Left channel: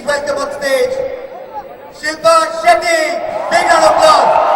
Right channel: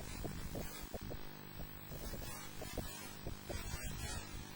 Please welcome on stage Shilpa Shetty. Big round of applause.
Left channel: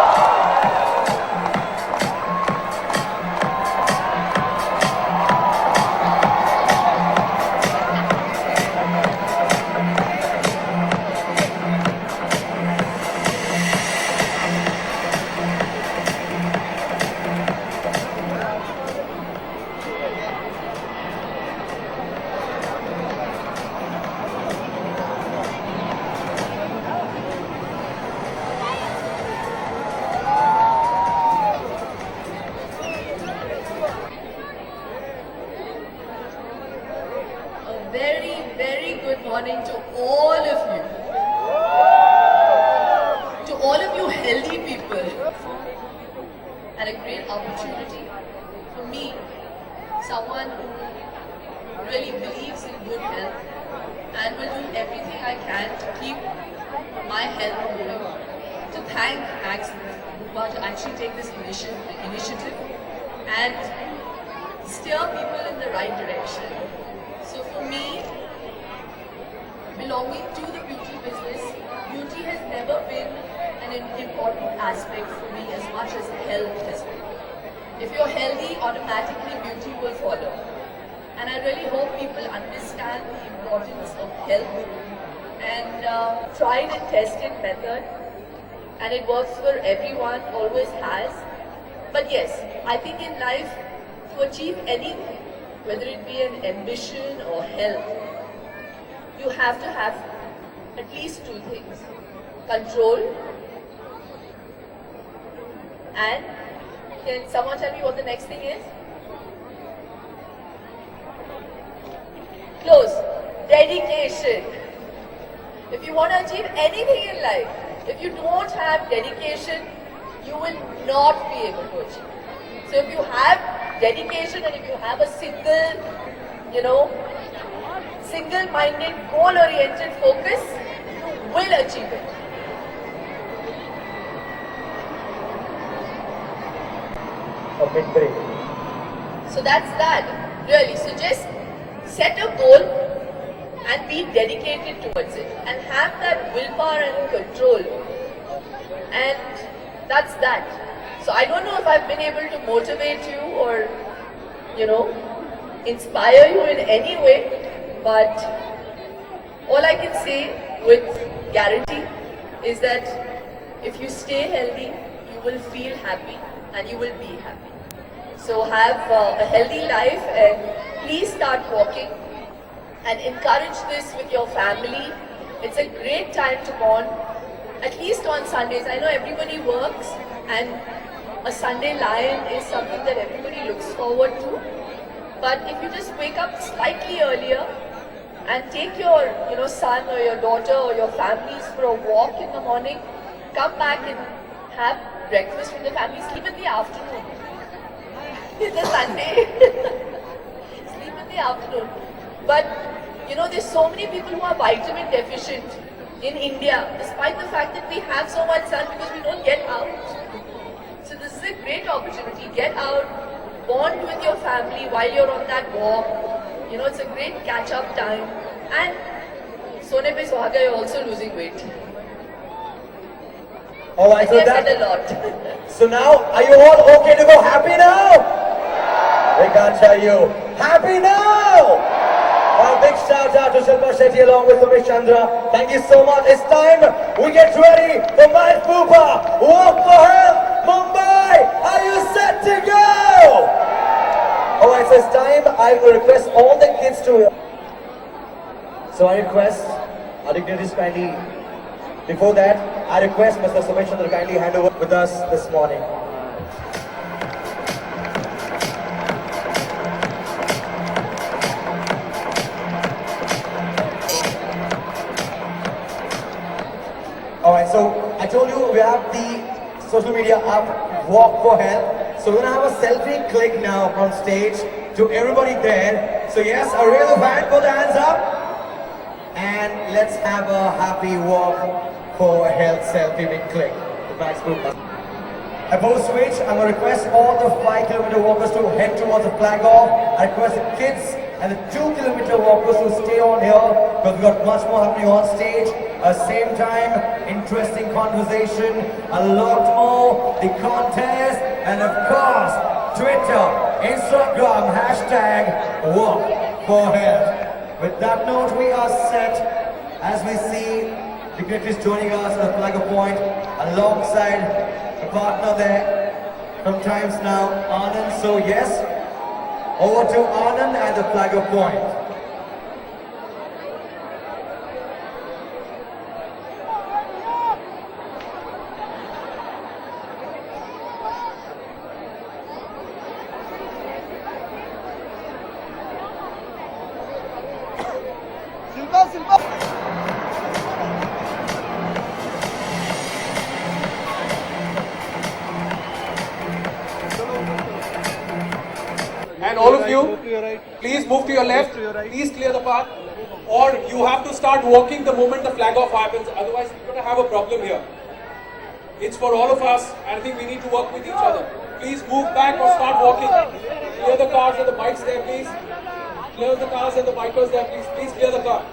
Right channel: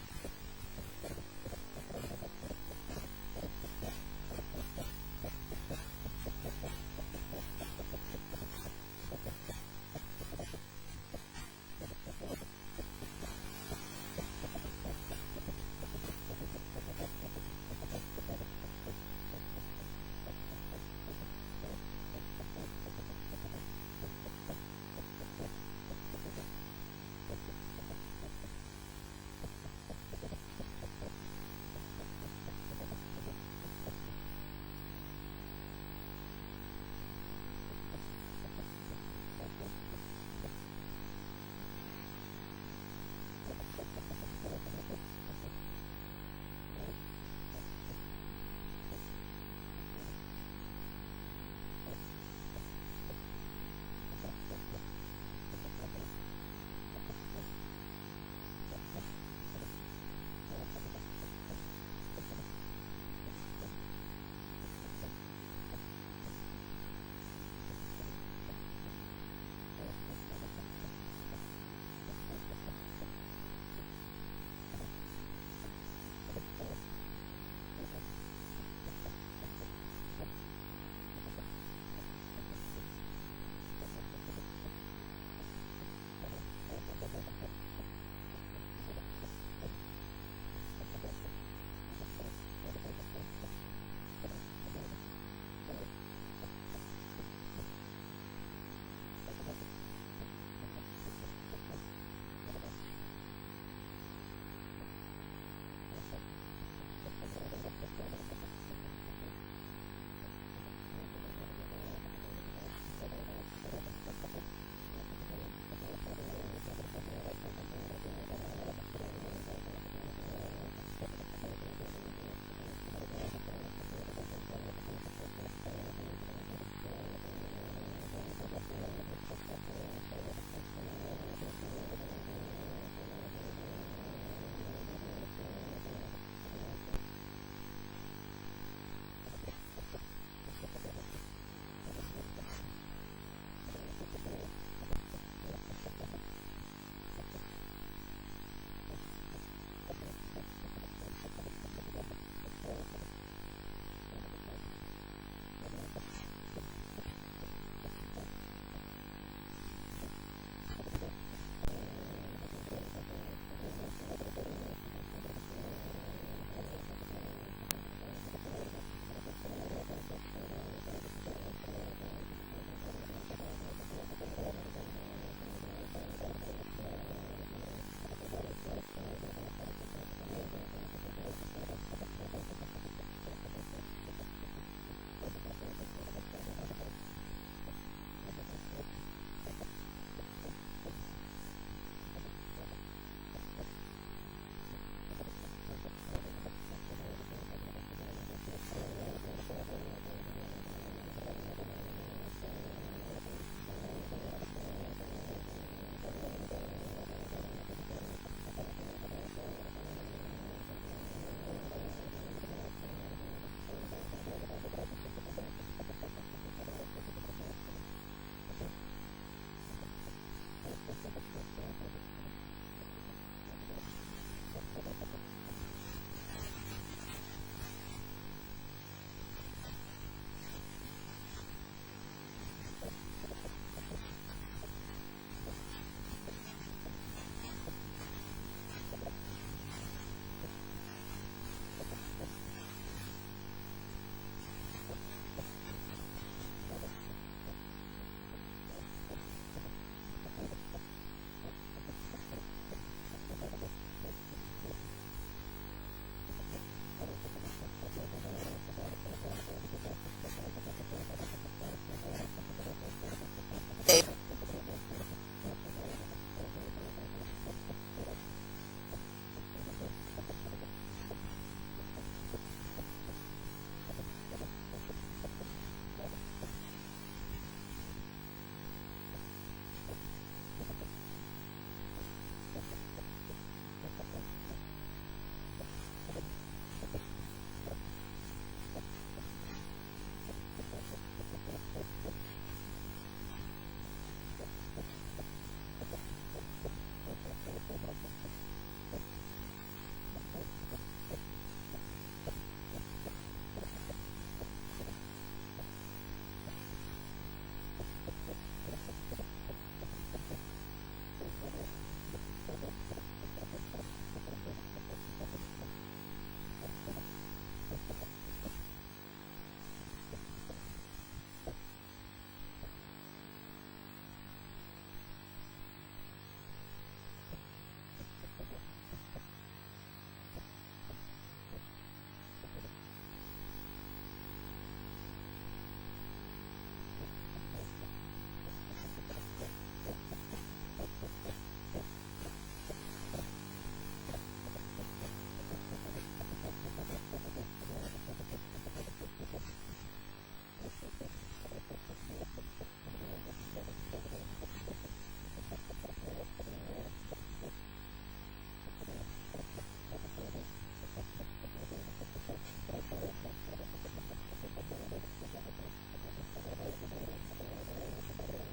Very, very good morning to all of you. To all of you healthy people. And a great opportunity for me, someone who really believes in good health and will do everything I can to keep my health going. To thank Max Bupa to actually take this initiative and steer people in the right direction. So for me, belonging to the beauty business, beauty has never been an important aspect for me as much as health has been. If you're healthy, automatically beauty will follow. And I really hope people understand the importance of health and tried and tested method. And it works for everyone, always has. But yes, I think in life, to achieve anything, whether it be an ambition or health, you have to have at least two things. Control and can someone tell me what the next thing is? Close. Dedication. If you want to achieve anything in life, if you don't have dedication, you will not be able to achieve. So if you have dedication and if you have a single-minded, goal-oriented focus, you will achieve it. A big break. So that's that, really. So just set a goal and be dedicated towards it and have that willpower and control. And that's that. So I don't know if I've been able to motivate you or, inspire you in any way, but all I can say with guarantee is that if you stay healthy, you will feel happy and you will be happy. So have a healthy life and please start walking and encourage this with your family. It's a great time to bond, at least on Sundays. I know everybody works and a Sunday lion is something that everybody looks forward to. But if you just wake up slightly earlier and take your son or your daughter or your families for a walk in the morning, come back and have breakfast with the family, sleep in the afternoon. It's a Sunday. Sleep in the afternoon. But there's so many people who are vitamin deficient in India, despite the fact that we have so much sun because we don't get out. So this is a great opportunity. Get out, bond with your family while you're on that walk. It's a great catch-up time. And Sone Pe Suhaga, you're also losing weight. Alright, so I've said a lot. So now, are you all okay to go happy now? We can't tell you. Happy now! A big shout out to Shilpa Shetty along with Umesh Chandra. Thank you so much. It's time we get ready for Max Bupa. Walk for Health, Mumbai. Are you set to go? Alright, so it's time. I will request all the kids to... So I request our dignitaries kindly... Before that, I request Mr. Umesh Chandra kindly hand over with us this morning. Alright, so I told you we have the social media app Walk for Health. So we're gonna have a selfie click now from stage to everybody there. So yes, a real fan, put the hands up. And let's have a happy walk for health selfie big click. Max Bupa. Above switch, I'm going to request all the 5-kilometer walkers to head towards the flag off. I request the kids and the 2-kilometer walkers to stay on here. because we got much more happening on stage. Same time, interesting conversation, a lot more, the contest, and of course, Twitter, Instagram, hashtag Walk for Health. With that note, we are set as we see dignitaries joining us at the Flagger Point alongside the partner there from Times Now, Anand. So yes, over to Anand at the Flagger Point. And all of you, please move to your left, please clear the path, or you have to start walking the moment the flag off happens, otherwise we're going to have a problem here. It's for all of us, and I think we need to work with each other. Please move back or start walking. Clear the cars and the bikes there, please. Clear the cars and the bikers there, please. Please clear the car.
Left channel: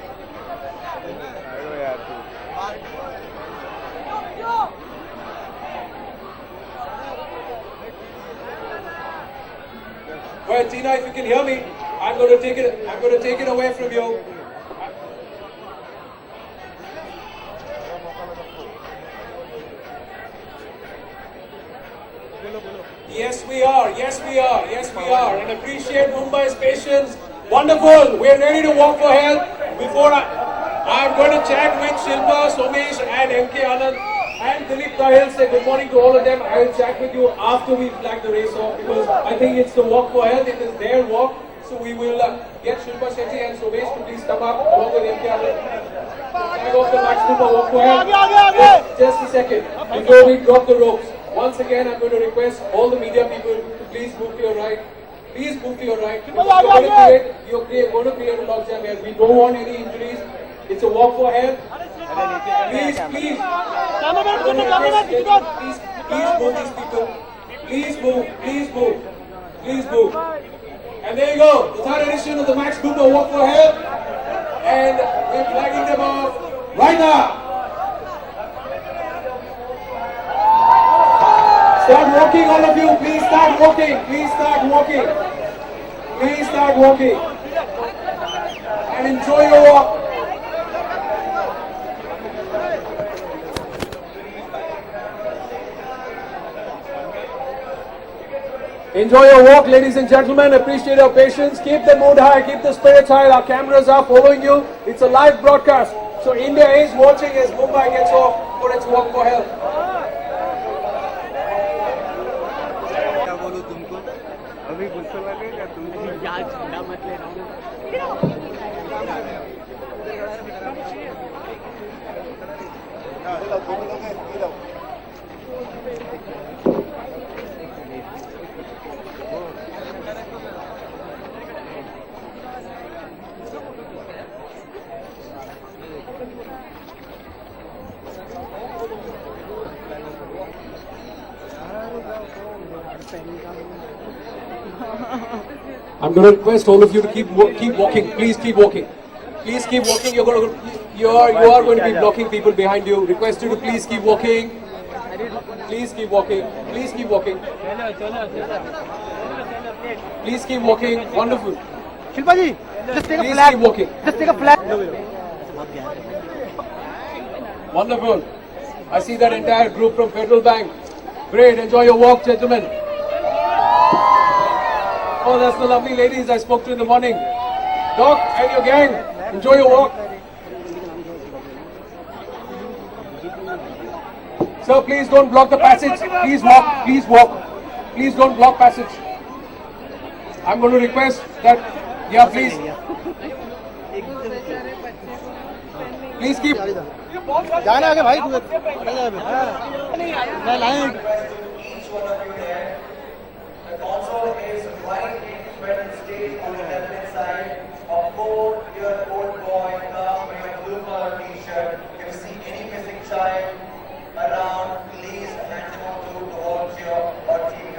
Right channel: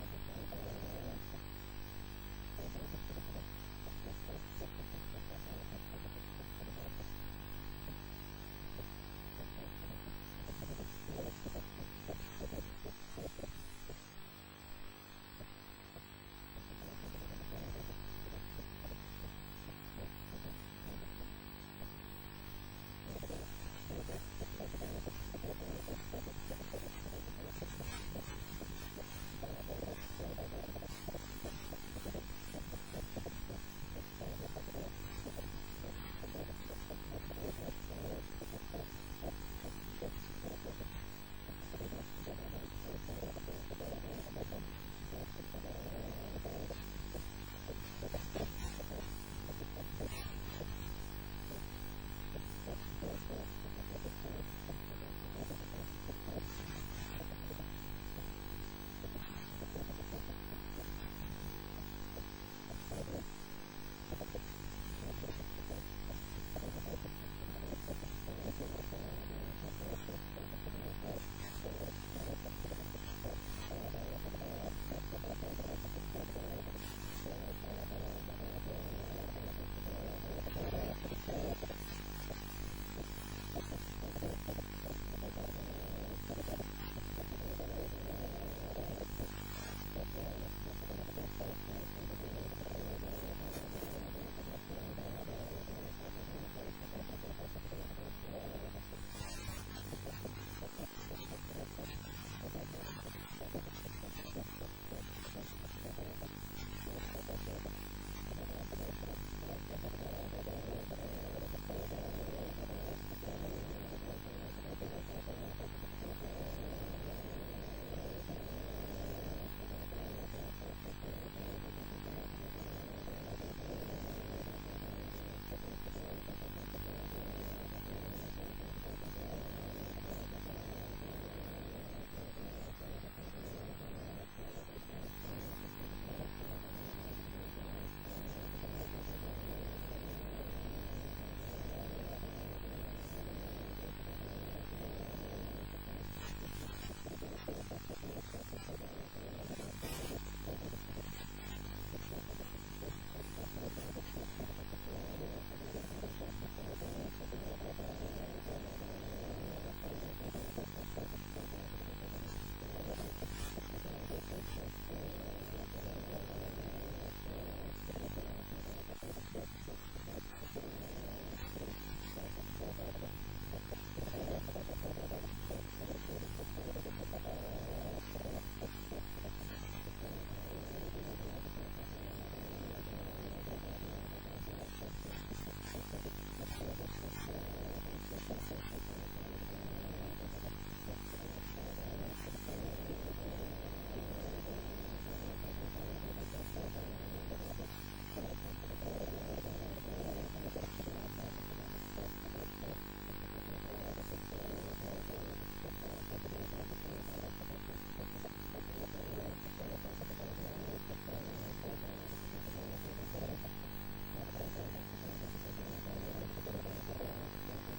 Well, Tina, if you can hear me, I'm going to take it away from you. Yes, we are. Yes, we are. Yes, we are. And appreciate Mumbai's patience. Wonderful. We're ready to walk for health. Before I'm going to chat with Shilpa, Somesh, and MK Anand and Dilip Kahil. Say good morning to all of them. I will chat with you after we flag the race off, because I think it's the walk for health. It is their walk. So we will get Shilpa Shetty and Somesh to please come up along with MK Anand. Flag off the Max Cooper walk for health. Just a second before we drop the ropes. Once again, I'm going to request all the media people to please move to your right. Please move to your right. You're going to create a logjam here. We don't want any injuries. It's a walk for health. Please, please. Please move these people. Please move. Please move. Please move. And there you go. The third edition of the Max Cooper Walk for Health. And we're flagging them off right now. Start walking, all of you. Please start walking. Please start walking. Please start walking. And enjoy your walk. Enjoy your walk, ladies and gentlemen. Appreciate your patience. Keep the mood high. Keep the spirits high. Our cameras are following you. It's a live broadcast. So India is watching as Mumbai gets off for its walk for health. I'm going to request all of you to keep walking. Please keep walking. Please keep walking. You are going to be blocking people behind you. Request you to please keep walking. Please keep walking. Please keep walking. Please keep walking. Wonderful. Shilpa ji, just take a Please flag. keep walking. Just take a flag. Wonderful. I see that entire group from Federal Bank. Great. Enjoy your walk, gentlemen. Oh, that's the lovely ladies I spoke to in the morning. Doc and your gang, enjoy your walk. Sir, please don't block the passage. Please walk. Please walk. Please don't block passage. I'm going to request that, yeah, please. Please keep. जाना आगे भाई तू मैं लाएं Also is right in Sweden State on the left side. A 4-year-old boy wearing a blue collar t-shirt. If you see any missing child around, please hand over to volunteer or take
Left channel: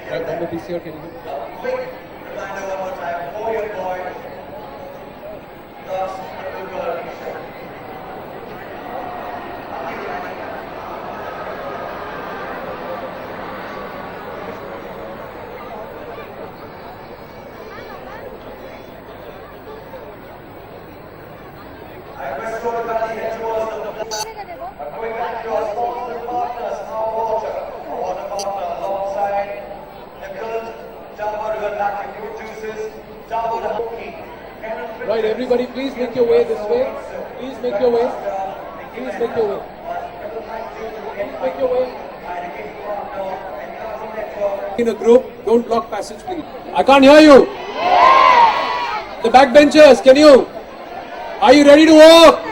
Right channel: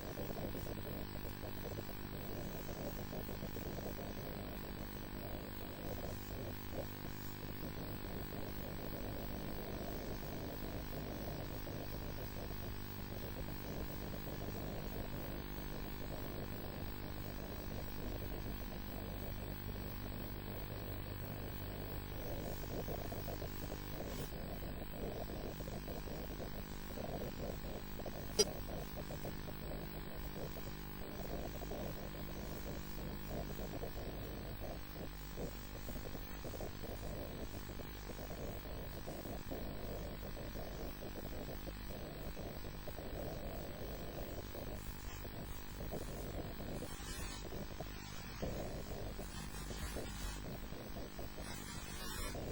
a particular. Quick reminder one more time. 4-year-old boy. Thus, Right, everybody, please make your way this way. Please make your way. Please make your way. Please make your way. In a group, don't block passage, please. I can't hear you. The backbenchers, can you? Are you ready to walk?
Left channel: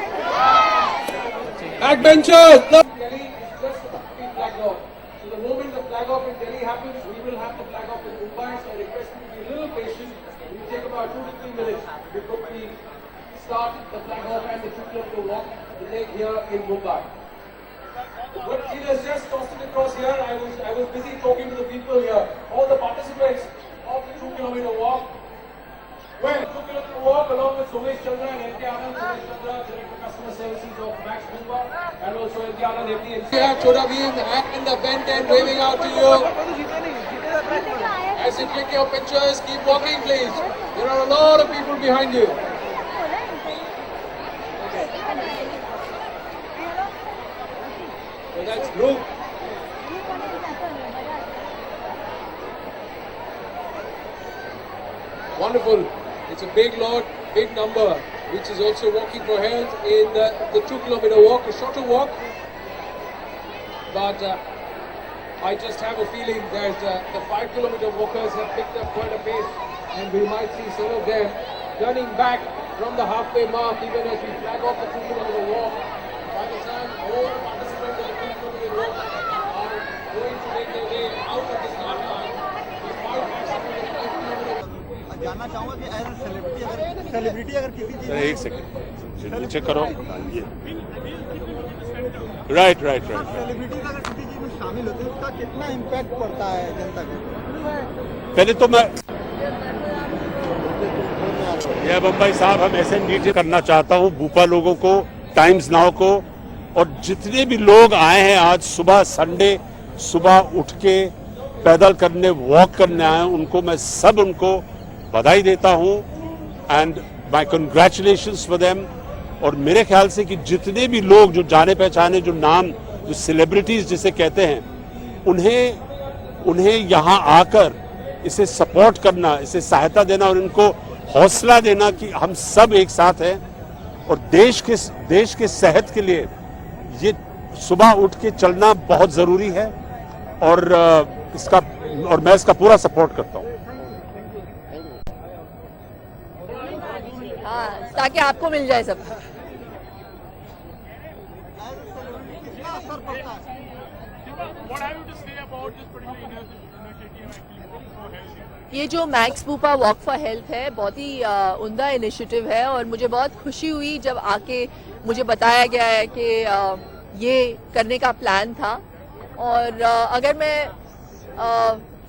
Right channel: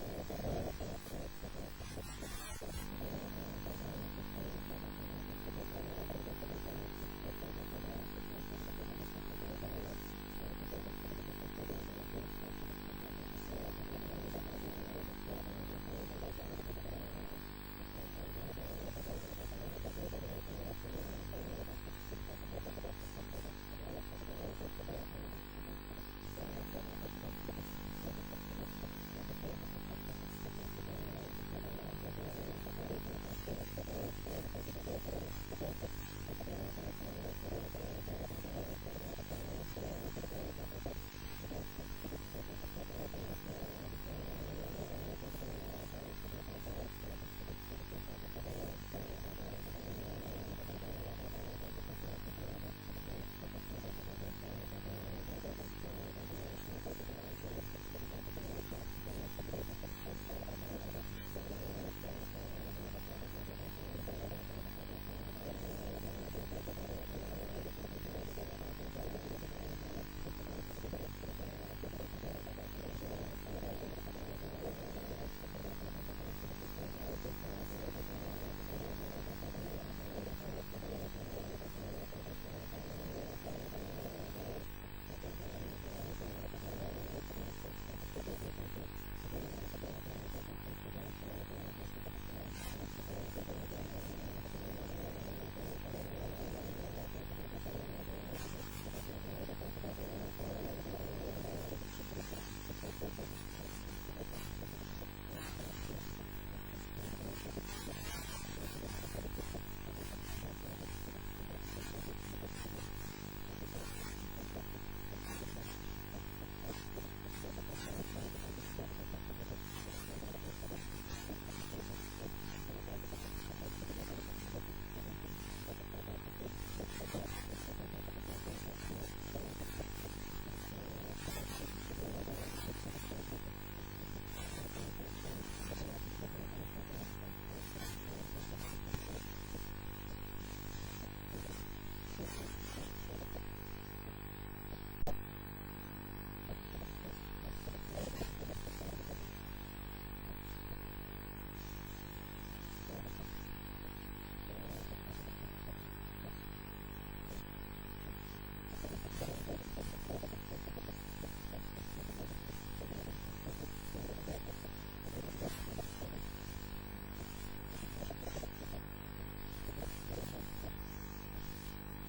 Backbenchers, look. Delhi, just flag off. So the moment the flag off in Delhi happens, we will have the flag off in Mumbai. So I request you to be a little patient. It will take about 2 to 3 minutes before we start the flag off and the 2 kilometer walk to take here in Mumbai. But it has just tossed it across here. I was busy talking to the people here. All the participants of the 2 kilometer walk. Well, 2 kilometer walk along with Somesh Chandra and MK Anand. Somesh Chandra, Director of Customer Services of Max Mumbai, and also MK Anand, MD. We have Chota Bheem and the Ben 10 waving out to you. As you click your pictures, keep walking, please. There are a lot of people behind you. So that's group. Wonderful. It's a big lot, big number, which is also walking for health in the 2 kilometer walk, a shorter walk. But I just have a feeling that the 5 kilometer walkers have picked up quite a pace, and we might see some of them turning back from the halfway mark even as we flag off the 2 kilometer walk. By the time all the participants of the 2 kilometer walk are going to make their way out of the start line, the 5 kilometer जानना चाहूंगा कि as celebrity अगर किसी चीज एक second नीचे करो right celebrities अगर किसी चीज में शामिल होते हैं उसका कितना इम्पैक्ट पड़ता है जनता पे। पहले तो मैं ये बम्बई साहब हम ऐसे नीचे करना चाहता हूँ भूपा लोगों को, टाइम्स नाउ को, और जितने भी लोग आए हैं आज सुबह संडे सुबह उठ के पैदल करने वॉक करने आए हैं, उनको मैं सब उनको बधाई देता हूं and my congratulations for them. और मेरे ख्याल से कि जितने भी लोग जो जाने पहचाने जो नाम जो सेलिब्रिटीज जिसे कहते हैं उन्हें यहाँ आकर इसे सपोर्ट करना, इसे सहायता देना और इनको हौसला देना कि हम सब एक साथ हैं और देश के सेहत के लिए ये सुबह उठ के चलना बहुत जरूरी है और मैं इसका पूरा सपोर्ट करता हूँ। हाँ, ताकि आपको मिल जाए सब। ये जो मैक्स भूपा वॉक फॉर हेल्थ है बहुत ही उम्दा इनिशिएटिव है और मुझे बहुत खुशी हुई जब आके मुझे बताया गया है कि ये करने का प्लान था। और अगर मैं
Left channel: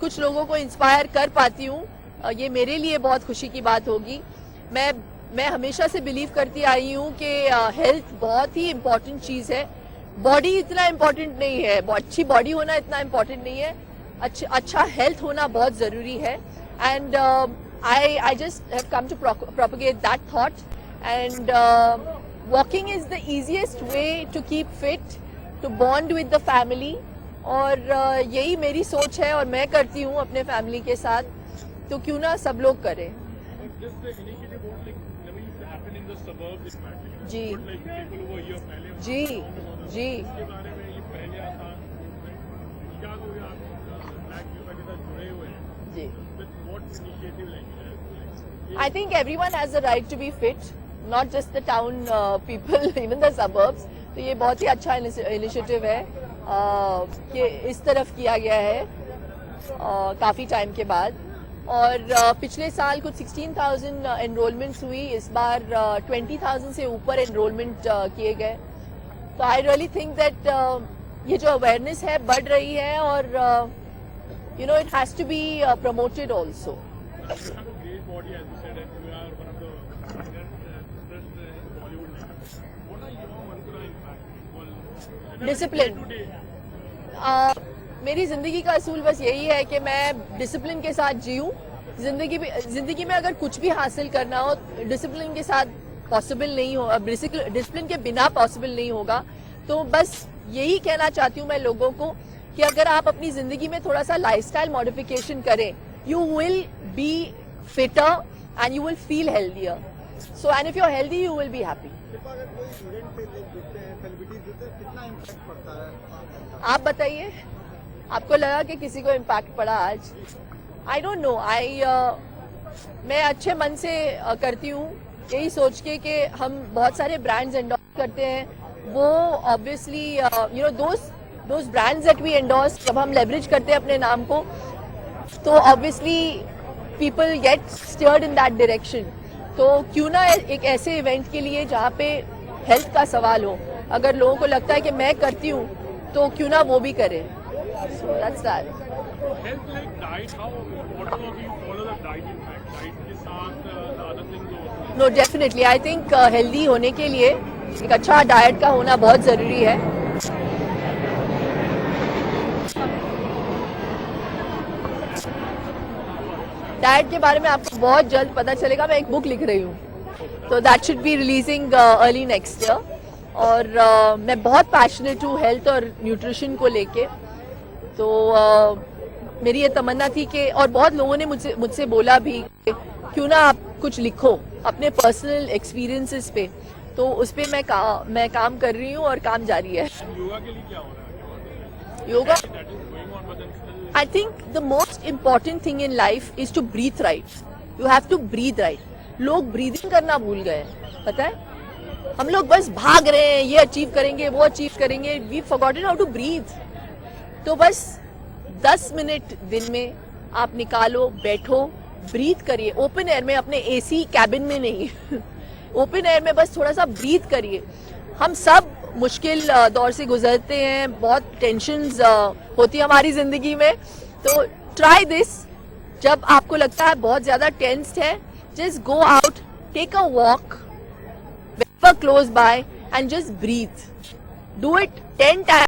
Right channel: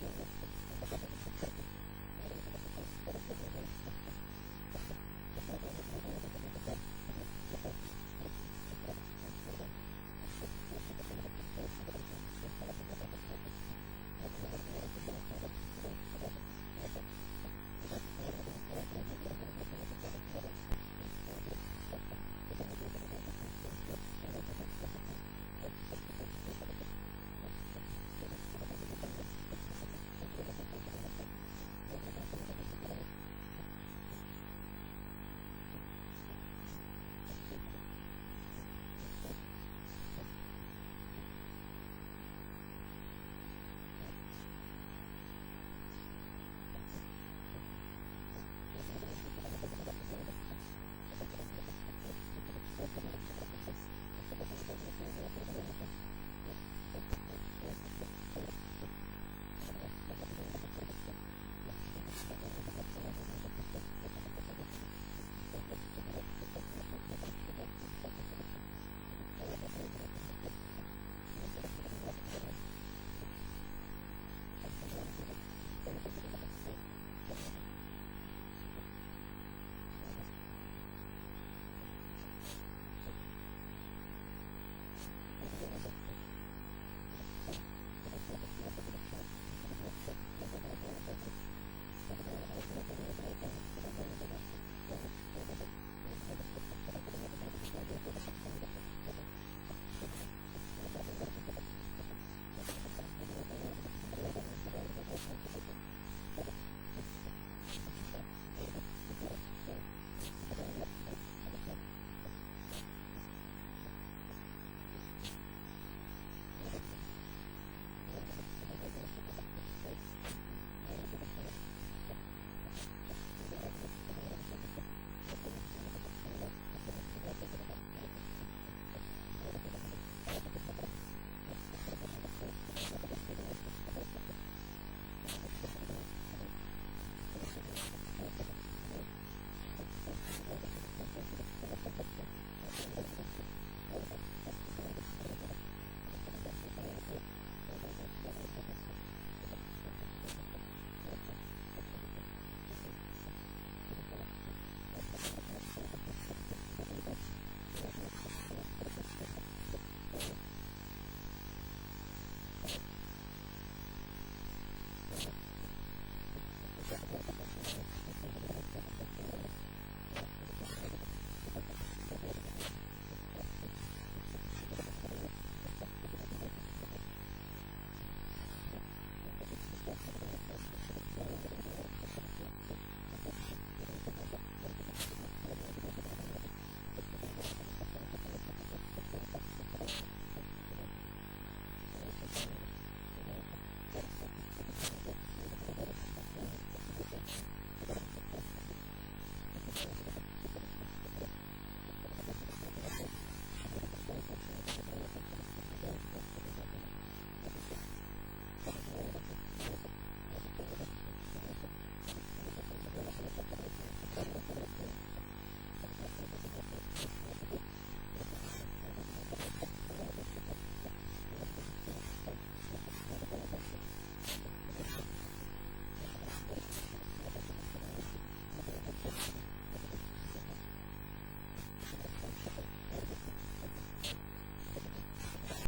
कुछ लोगों को इंस्पायर कर पाती हूँ ये मेरे लिए बहुत खुशी की बात होगी। मैं हमेशा से बिलीव करती आई हूँ कि हेल्थ बहुत ही इम्पोर्टेंट चीज़ है। बॉडी इतना इम्पोर्टेंट नहीं है, अच्छी बॉडी होना इतना इम्पोर्टेंट नहीं है, अच्छा हेल्थ होना बहुत ज़रूरी है। And I just have come to propagate that thought and walking is the easiest way to keep fit, to bond with the family. और यही मेरी सोच है और मैं करती हूँ अपने फैमिली के साथ, तो क्यों ना सब लोग करें। जी जी जी I think everyone has the right to be fit, not just the town people, even the suburbs. तो ये बहुत ही अच्छा इनिशिएटिव है कि इस तरफ किया गया है काफ़ी टाइम के बाद। और पिछले साल कुछ 16,000 एनरोलमेंट्स हुई, इस बार 20,000 से ऊपर एनरोलमेंट किए गए। तो आई रियली थिंक दैट ये जो अवेयरनेस है बढ़ रही है और you know it has to be promoted also. Discipline मेरी ज़िंदगी का असूल बस यही है कि मैं डिसिप्लिन के साथ जीऊँ। ज़िंदगी में अगर कुछ भी हासिल करना हो डिसिप्लिन के साथ पॉसिबल नहीं हो, डिसिप्लिन के बिना पॉसिबल नहीं होगा। तो बस यही कहना चाहती हूँ मैं लोगों को कि अगर आप अपनी जिंदगी में थोड़ा सा लाइफस्टाइल मॉडिफिकेशन करें, you will be fitter and you will feel healthier. So and if you are healthy you will be happy. अगर कोई इवेंट पे लोग जुड़ते हैं, सेलिब्रिटीज जुड़ते हैं, कितना इम्पैक्ट पड़ता है? आप बताइए, आपको लगा कि किसी को इम्पैक्ट पड़ा आज? I don't know. मैं अच्छे मन से करती हूँ, यही सोच के कि हम बहुत सारे ब्रांड्स एंडोर्स करते हैं। वो obviously you know those brands that we endorse, जब हम लेवरेज करते हैं अपने नाम को, तो obviously people get steered in that direction. तो क्यों ना एक ऐसे इवेंट के लिए जहाँ पे हेल्थ का सवाल हो, अगर लोगों को लगता है कि मैं करती हूँ तो क्यों ना वो भी करें। So that's that. Health like diet, how whatever we follow the diet impact, diet के साथ the other things also. No, definitely. I think healthy होने के लिए एक अच्छा डाइट का होना बहुत ज़रूरी है। डाइट के बारे में आपको बहुत जल्द पता चलेगा। मैं एक बुक लिख रही हूँ, तो that should be releasing early next year. और मैं बहुत पैशनेट हूँ हेल्थ और न्यूट्रिशन को लेके। तो मेरी ये तमन्ना थी कि, और बहुत लोगों ने मुझसे बोला भी कि क्यों ना आप कुछ लिखो अपने पर्सनल एक्सपीरियंसेस पे। तो उस पर मैं काम कर रही हूँ और काम जारी है। योगा के लिए क्या हो रहा है? Yoga, That is going on, but then still I think the most important thing in life is to breathe right. You have to breathe right. लोग ब्रीदिंग करना भूल गए हैं, पता है? हम लोग बस भाग रहे हैं, ये अचीव करेंगे, वो अचीव करेंगे। We forgotten how to breathe. तो बस 10 मिनट दिन में आप निकालो, बैठो, ब्रीथ करिए ओपन एयर में, अपने एसी कैबिन में नहीं ओपन एयर में बस थोड़ा सा ब्रीथ करिए। हम सब मुश्किल दौर से गुजरते हैं, बहुत टेंशन्स होती है हमारी जिंदगी में। तो ट्राई दिस। जब आपको लगता है बहुत ज्यादा टेंस्ड है, just go out, take a walk, close by and just breathe. Do it 10 times.